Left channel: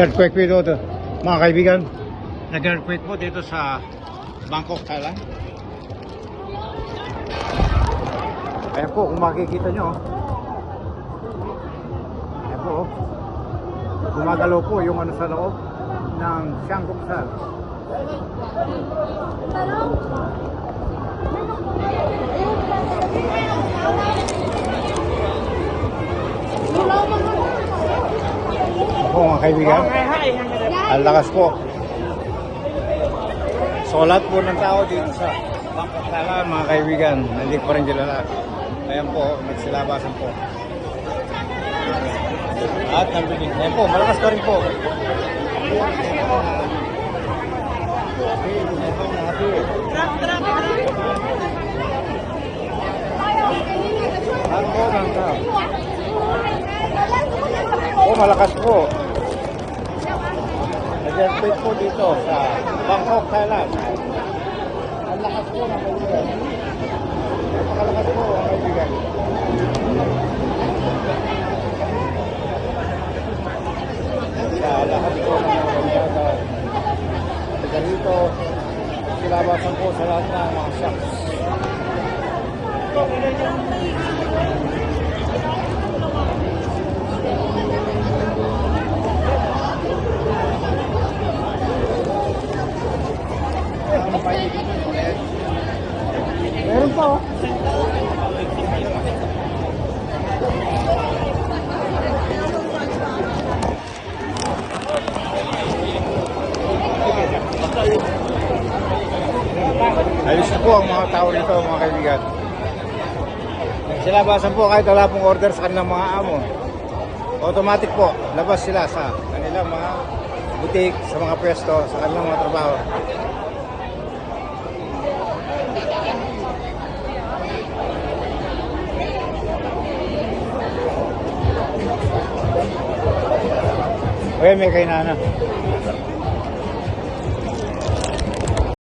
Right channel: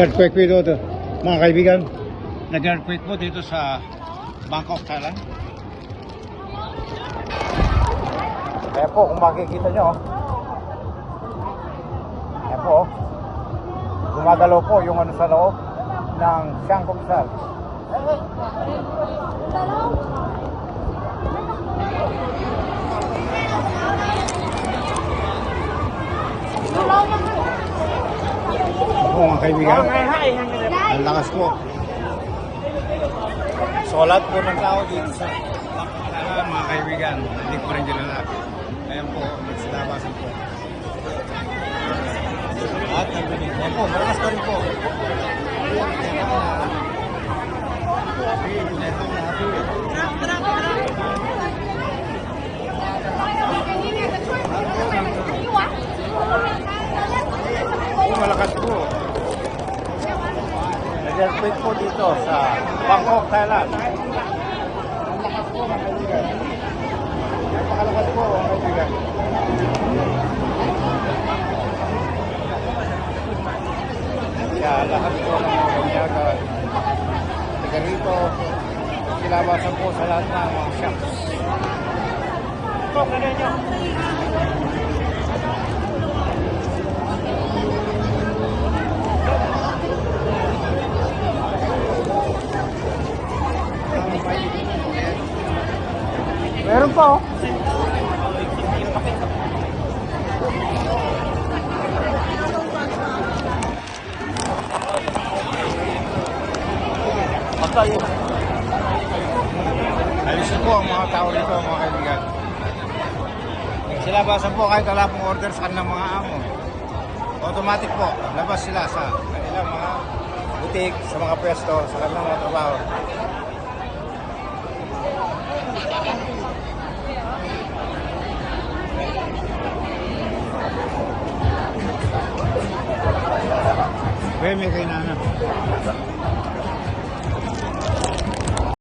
Earthquake po ito, mga kaibigan. Nag-earthquake po dito sa Bangkok, Thailand. Kaya po, kung makikita nyo, kaya po, gumagalaw po yung ano sa loob ng Sangkok-sar. Ako mga kaibigan, ang lakas po. So lahat po ng tao dito sa Bangkok, mga kaibigan, hindi ko rin kilala. Ayan po, nagsilabasan po. At nagbinig. Ayan po, malakas pa rin po. Oh, malakas po. Nag-earthquake po dito sa Bangkok, Thailand. Ang lakas po. Kaya lahat po ng mga kanyagan. Taga rito, silabasan po sa lahat ng mga shops. Ito, ganyan nyo. Meron pa oh. Alis po ang mga tao dito mga kaibigan. Silabasan po kahit wala pong order sa kanilang mga amon. Automatic po, labas sila sa kanilang mga butik, sa mga pwesto, sa kanilang mga trabaho. May kainana.